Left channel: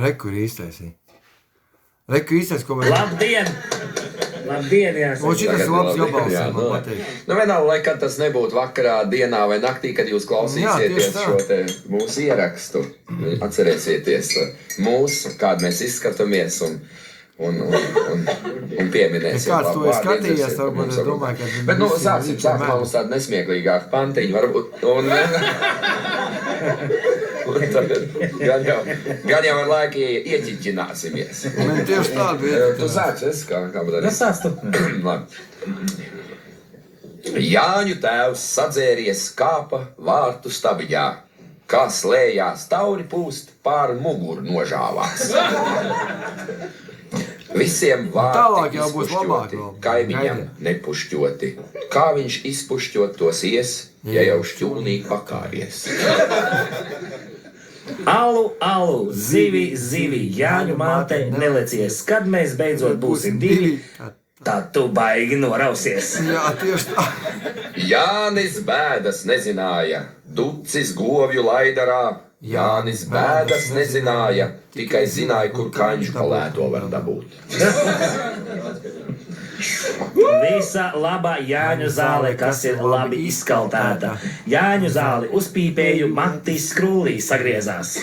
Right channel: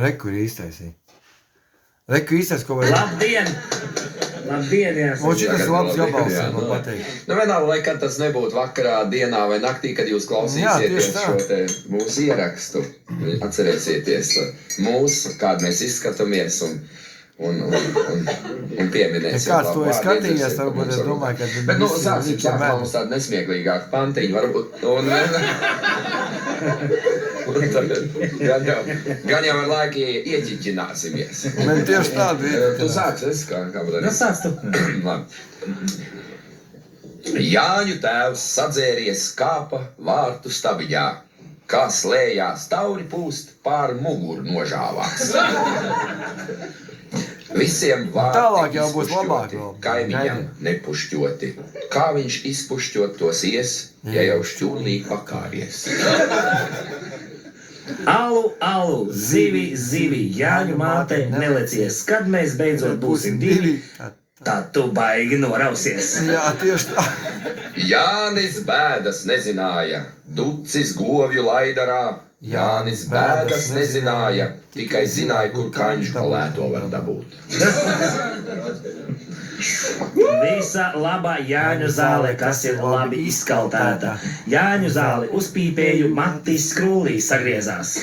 Reku ir īstaisī. Reku īstais, ko vajag. Labdien! Labdien, jāsaka. Un šitas labs gabals, man patīk. Nu, vienalga, lai kad tas nebūtu vakarā, dienā vai naktī, kad jūs klausīsieties šo te mūsu ierakstu. Atcerēsieties mūsu, kādu mēs izskatāmies un pieminēsim. Ja kāds to ir skatījies, varbūt es domāju, ka... Bet, nu, sāksim mums tādu nesmieklīgāku pantiņu, varbūt. Un tagad gan jau ar laiki ieķiķināsimies. Man tieši tādu ieķiķinās. Tu sāks, es kā darīt? Nu, sāc tu. Jāņu tēvs sadzēries kāpa vārtu stabiņā, kā slējās tauri pūst pār muguru nožāvās. Visiem Tālāk jau būs izpušķoti, labāk vēl. kaimiņam nepušķoti. Kā viņš izpušķot tos ies, ja jau šķūnī pakāries. Alu, alu, zivi, zivi, Jāņu māte nelecies. Kad mēs beidzot būsim divi, tad tu baigi norausies. Jā, tieši tā. Jānis bēdas nezināja, ducis govju laidarā. Jānis bēdas nezināja, tikai zināja, kur kaņš kalēto var dabūt. Visa laba Jāņu zāle, kas ir labi izkaltēta. Jāņu zāli uzpīpēju, Matis skrūlī sagriezās.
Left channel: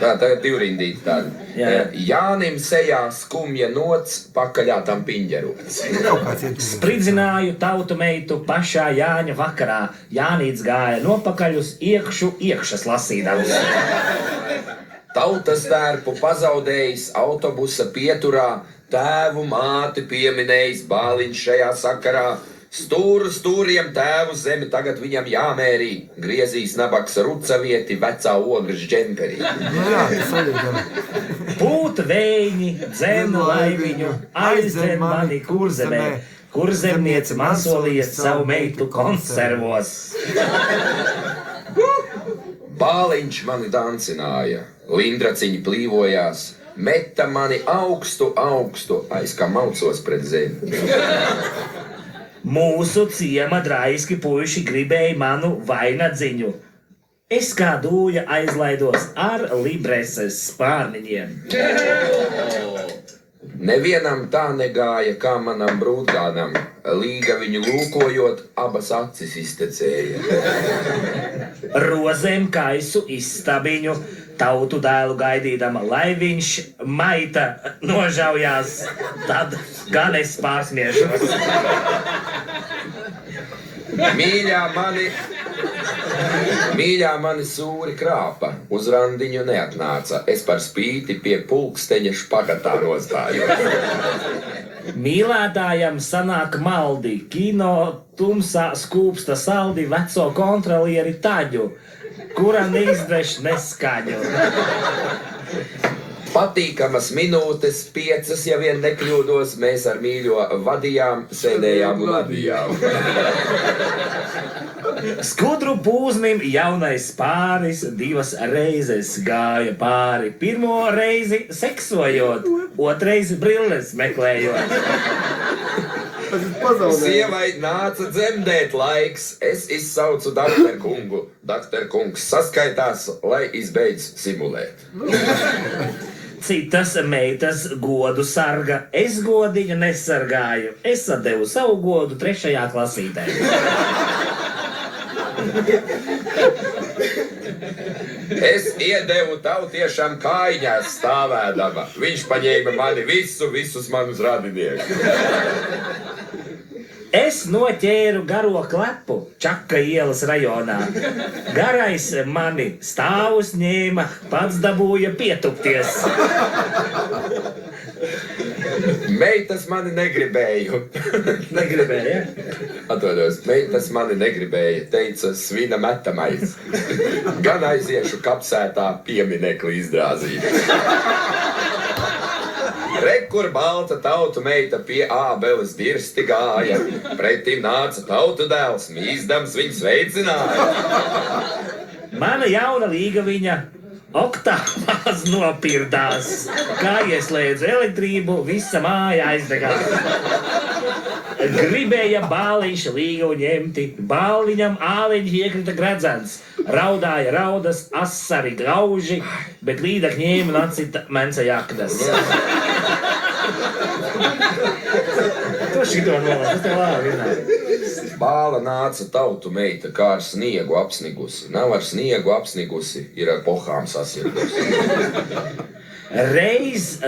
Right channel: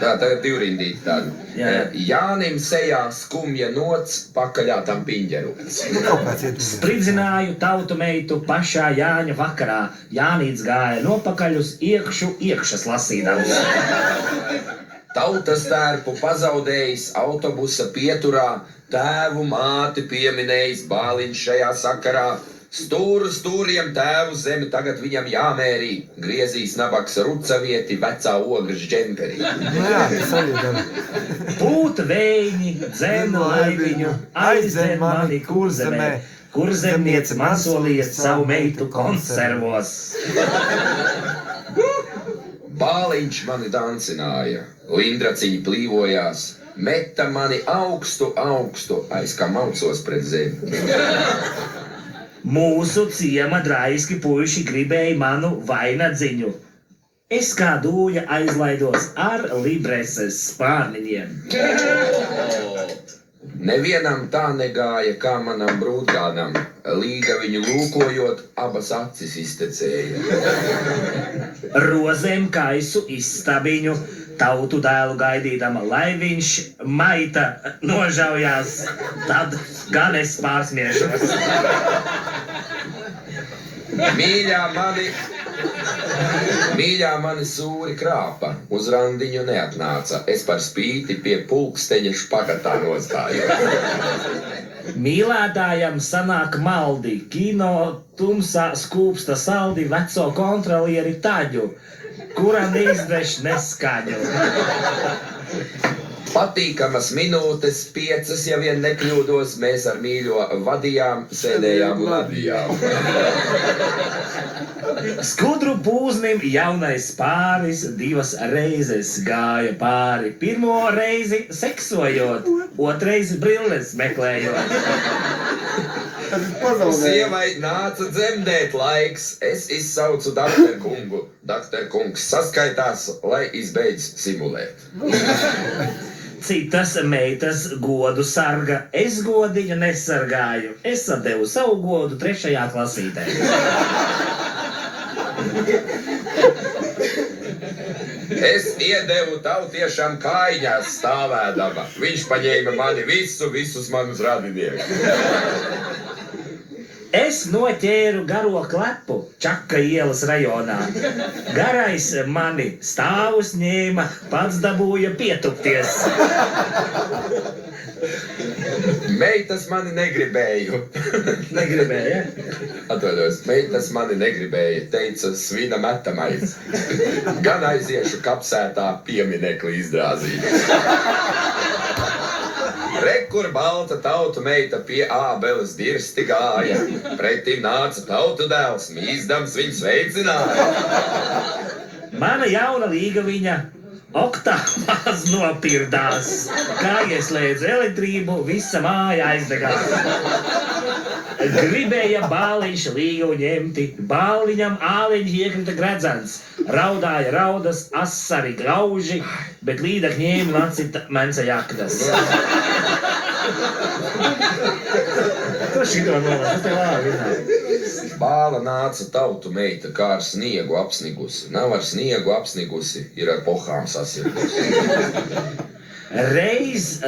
Tā, tagad divrindīt tādu. Jā. Jānim sejā skumja nots, pakaļā tam piņģerots. Kaut kāds ietuvies. Spridzināju tautu meitu pašā Jāņa vakarā. Jānīts gāja nopakaļ uz iekšu iekšas lasīdams. Tautas tērpu pazaudējis autobusa pieturā, tēvu māti pieminējis bāliņš šajā sakarā. Stūru stūriem tēvu zemi tagad viņam jāmērī, griezīs nabaks rucavieti vecā ogras džemperī. Nu jā, tas arī dara. Pūta vējiņi, dzen laiviņu, aizdzen mani kurzemē. Kurzemniece man solīja savu meitu konservos. Bāliņš mani dancināja, lindraciņi plīvojās, meta mani augstu, augstu, aiz kā maucos pret zemi. Mūsu ciema draiski puiši gribēja manu vainadziņu. Es kā dūja aizlaidos ar libreses spārniņiem. Nevienam tā negāja, kā manam brūtgānam, līga viņu lūkojot, abas acis iztecēja. Rozēm kaisu izstabiņu, tautu dēlu gaidīdama, lai viņš maita nožaujās, tad gan es pārsmiešos. Mīļā mani sūri krāpa, uz randiņu neatnāca, es par spīti pie pulksteņa špagatā nostājos. Mīlētājam sanāk maldi, kino tumsā skūpsta saldi veco kontrolieri taģu, kuram izdveš neskaņu. Patīkamas minūtes, 5, ja vien nekļūdos, mēs ar mīļo vadījām, sēdējām un ladījām. Skudru pūznim jaunais pāris 2 reizes gāja pāri. 1. reizi seksojot, 2. brilles meklējot. Sievai nāca dzemdēt laiks, es izsaucu doktor kungu. Doktor kungs saskaitās, lai izbeidz simulēt. Citas meitas godu sarga, es godiņu nesargāju. Es atdevu savu godu 3. klasītē. Es iedevu tautiešam kājiņās stāvēdama. Viņš paņēma mani visus manus radiniekus. Es noķēru garo klepu Čaka ielas rajonā. Garais mani stāvus ņēma, pats dabūja pietupties. Meitas mani negribēju. Negribēja? Atvaļos, meitas mani negribēja, teica svina metamais. Gan aiziešu kapsētā pieminekli izdrāzīt. Rekur balta tautu meita pie ābeles dirsti gāja, pretim nāca tautu dēls, mīzdams viņu sveicināja. Mana jauna līga viņa oktāvās nopirdās. Kā ieslēdz elektrību, visa māja aizdegās. Gribēja bāliņš līgu ņemti, bāliņam āliņš iekrita gredzens. Raudāja raudas, asari grauži, bet līdak ņēma nacita menca jakdas. Tu šito nolēs, tas te labi vienā. Bāla nāca tautu meita, kā ar sniegu apsnigusi. Nav ar sniegu apsnigusi, ir ar pohām sasirgusi. Reiz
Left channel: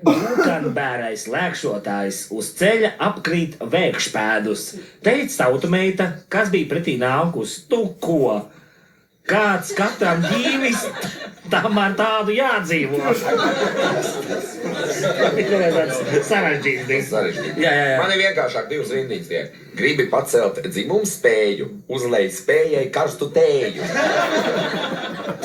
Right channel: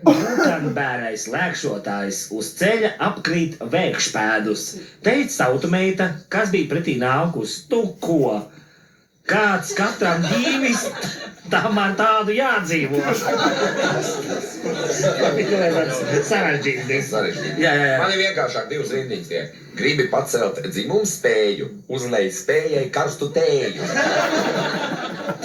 Bukanbērais lēkšotājs uz ceļa apkrīt vēkšpēdus. Teica tautumeita, kas bija pretī nākus, tu ko? Kāds katram dīvis, tā man tādu jādzīvo. Sarežģīts. Jā. Man ir vienkāršāk divas rindiņas tiek. Gribi pacelt dzimumu spēju, uzlej spējai karstu tēju.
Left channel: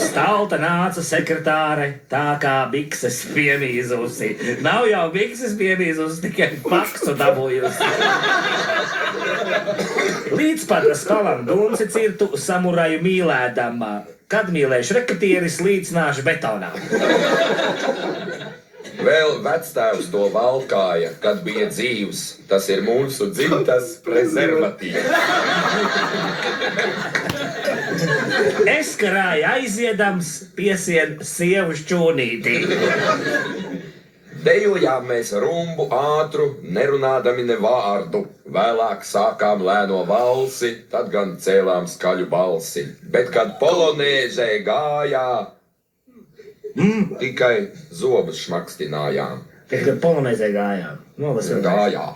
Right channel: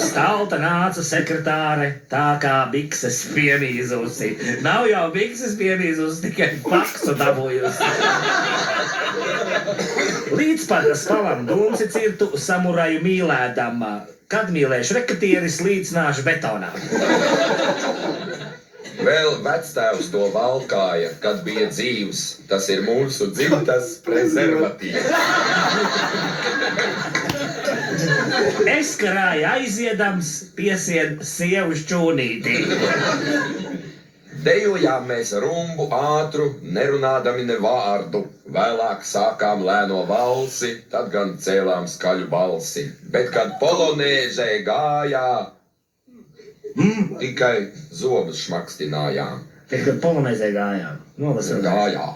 Stalta nāca sekretāre, tā kā bikses piemīzusi. Nav jau bikses piemīzusi, tikai faksu dabūjusi. Līdz pat stalam dunci cirtu samuraju mīlēdam. Kad mīlēšu rekatieris, līdzināšu betonā. Vēl vectēvs to valkāja, kad bija dzīvs. Tas ir mūsu dzimtas prezervatīvs. Es karāju aiziedams, piesien sievu šķūnītī. Dejojām mēs rumbu ātru, nerunādami ne vārdu. Vēlāk sākām lēno valsi, tad gan cēlām skaļu balsi. Bet, kad polonēzē gājā, tikai zobus šmakstinājām. Kad polonēzē gājām. Gājā.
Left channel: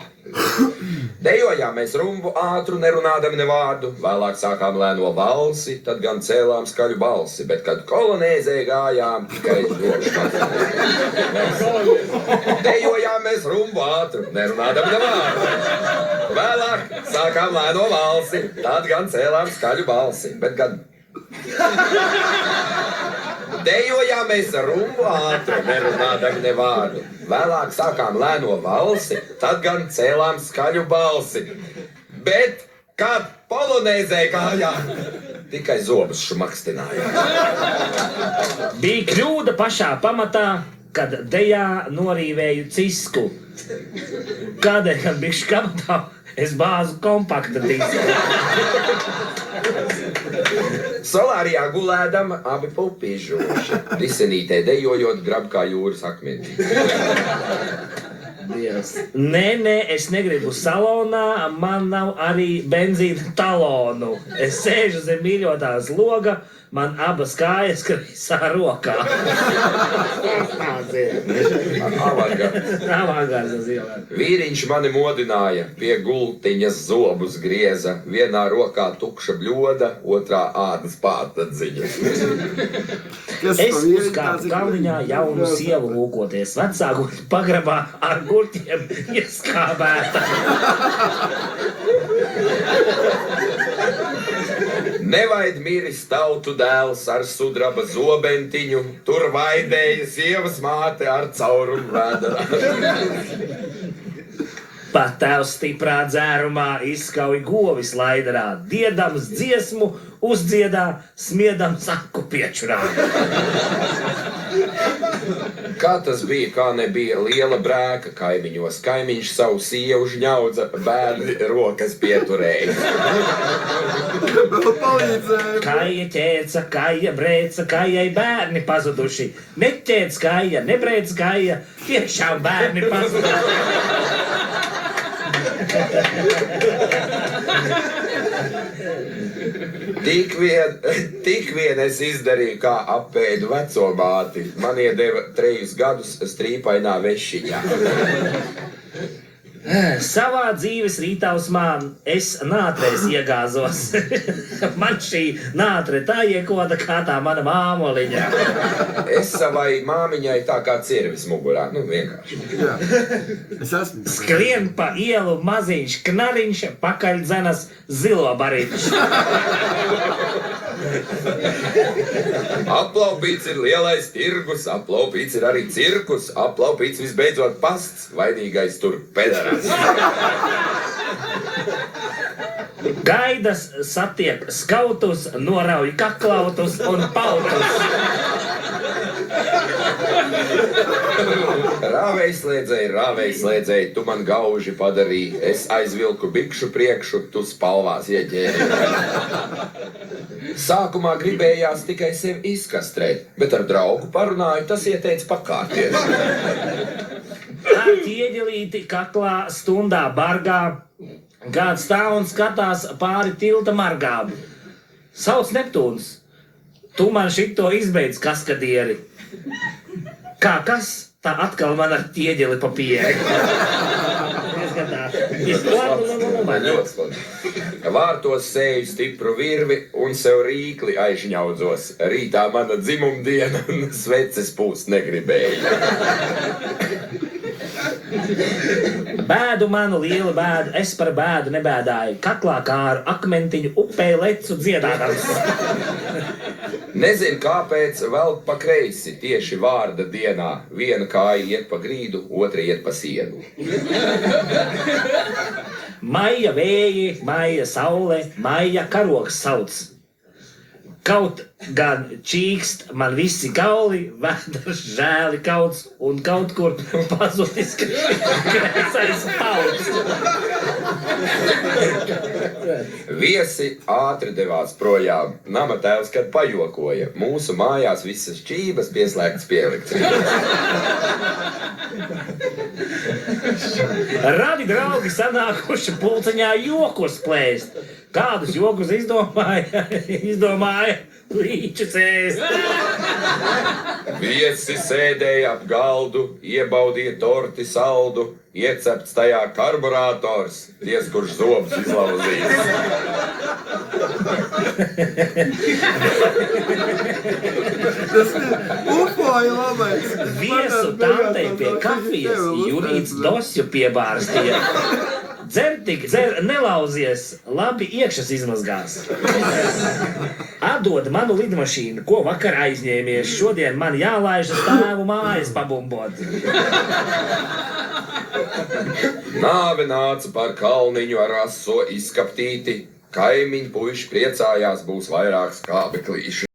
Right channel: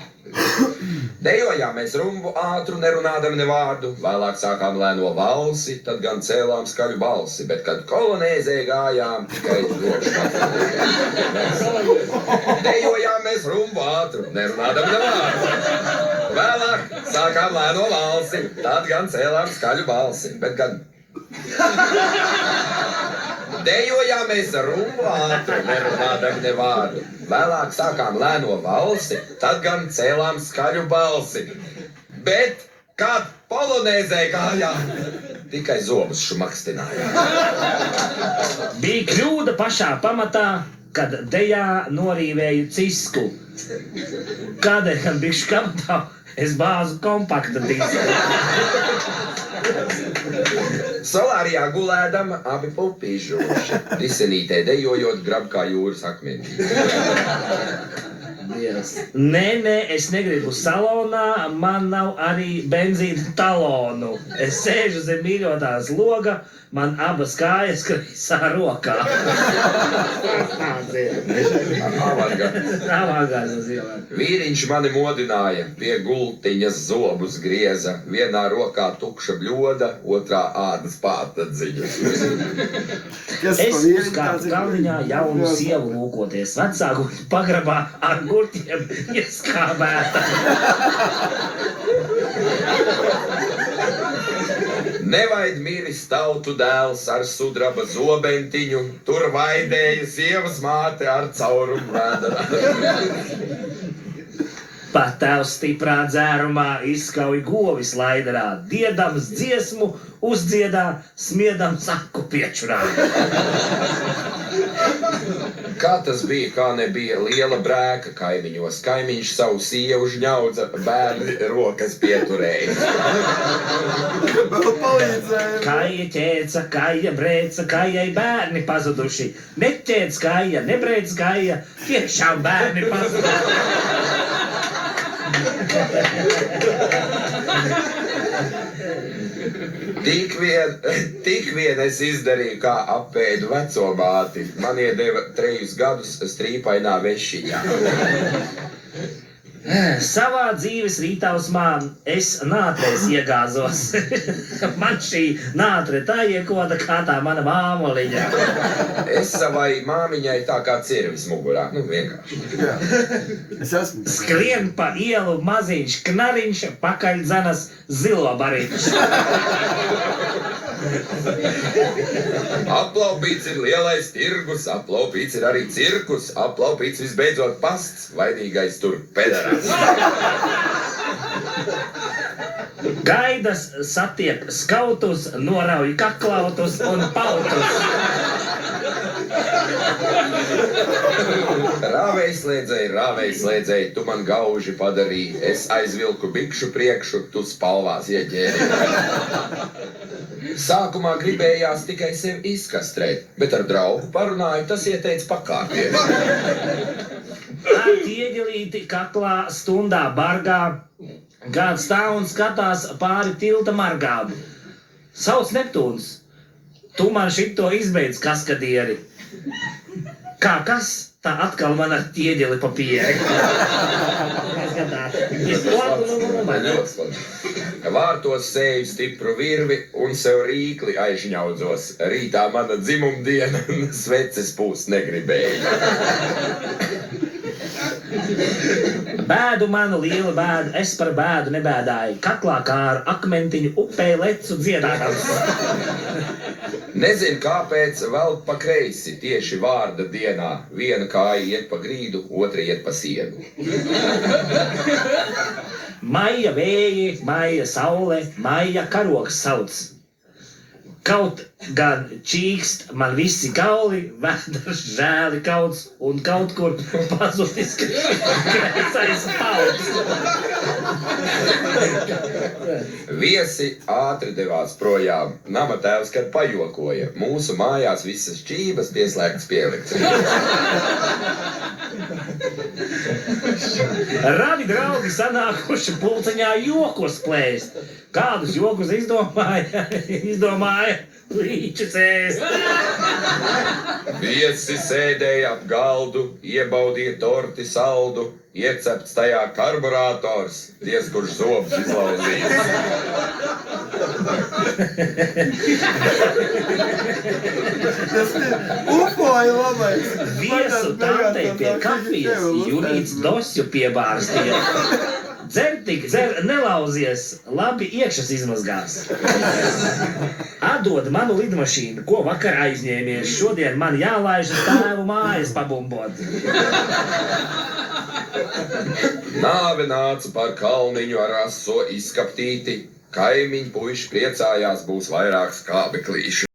Dejojām mēs rumbu ātru, nerunādami ne vārdu. Vēlāk sākām lēno valsi, tad gan cēlām skaļu balsi. Bet, kad kolonēzē gājām, tikai dejojām mēs rumbu ātru, nerunādami ne vārdu. Vēlāk sākām lēno valsi, tad gan cēlām skaļu balsi. Bet, kad dejojām mēs rumbu ātru, nerunādami ne vārdu. Vēlāk sākām lēno valsi, tad gan cēlām skaļu balsi. Bet, kad polonēzē gājām, tikai zobus šmakstinājām. Bija kļūda pašā pamatā, kad dejā norīvēju cisku. Kādēļ bišķi kamatā es bāzu kompakta disku. Solārijā gulēdam abi pupīžoši. Disenītē dejojot grab kā jūras akmenī. Nē, es negribu salonā, man nav arī benzīna talonu. Es sēžu zem mīļotās loga, man abas kājas kreisā rokā. Vīriņš mani modināja, pie gultiņas zobus grieza. Vienā rokā tukša bļoda, otrā ādas pātadziņa. Es uzkāpu kalniņā jaunu sievu lūkoties. Vecāku pagrabā ar gurķiem ieskābēta. Nevaid miris tautu dēls ar sudraba zobentiņu, tur vaidēja sievas māte ar caurumu vēderā. Pat tēvs stiprā dzērumā izskauj govis laidarā, diedams dziesmu uzdziedā, smiedams aku piečurā. Kā tas bija, kā nebija liela brēka kaimiņos. Kaimiņš savu sievu žņaudza, bērni rokas pieturēja. Kaija ķēca, kaija brēca, kaijai bērni pazuduši. Neķēc kaija, nebrēc kaija, tiešām bērni pazuduši. Tik vien es izdarīju, kā apēdu veco māti. Man iedeva 3 gadus strīpainā vešiņā. Savā dzīves rītausmā es nātrēs iegāzos. Man šī nātre tā iekoda kā tā mana māmoliņa. Es savai māmiņai tā kā cirvis mugurā. Vienkārši. Jā. Es esmu. Skrien pa ielu maziņš knariņš, pakaļ dzenas zilo bariņš. Aplaupīts ir lielais tirgus, aplaupīts ir arī cirkus, aplaupīts visbeidzot pasts, vainīgais tur pederās. Gaidas satiek skautus, norauj kaklautus un pautus. Rāvējslēdzēji, tu man gauži padarīji, es aizvilku bikšu priekšu, tu spalvās ieķēri. Sākumā gribējās tikai sevi izkastrēt, bet ar draugu parunāju, tas ieteica pakārties. Ar ķieģelīti kaklā stundā bargā, kāds stāv un skatās pāri tilta margām. Sauc Neptūns, tu man šito izbeidz kaskadieri. Kā kas? Tā atkal man ar ķieģeli pa pieeju. Vārtos sēju stipru virvi un sev rīkli aizņaudzos. Rītā mana dzimumdiena sveces pūst negribēja. Bēdu manu lielu bēdu, es par bēdu nebēdāju. Kaklā kā ar akmentiņu upē lecu dziedādams. Nezinu, kāpēc vēl pa kreisi tieši vārda dienā. Viena kāja iet pa grīdu, otra iet pa sienu. Maija vēji, maija saule, maija karogs sauc. Kaut gan čīkst man visi kauli, vēders žēli kauts un kaut kur pazudis kreisais pauds. Viesi ātri devās projām. Nama tēvs, kad pajokoja. Mūsu mājās visas šķības pieslēgtas pie elektrības. Radi draugi sanākuši pulciņā jokos plēst. Kādus jokus izdomāja līčus ēst. Viesi sēdēja ap galdu, iebaudīja torti saldu, iecepts tajā karburators, diez kurš zobus izlauzījis. Tas ir ufoja labais. Viesu tantei pie kafijas Junīts dosju piebārstīja. Dzer tik, dzer, nelauzies, labi iekšas izmazgās. Atdod manu lidmašīnu, ko vakar aizņēmies. Šodien man jālaiž uz tēvu mājas pabumbot. Nāve nāca par kalniņu ar aso izskaptīti. Kaimiņu puiši priecājās, būs vairāk skābeklīšu.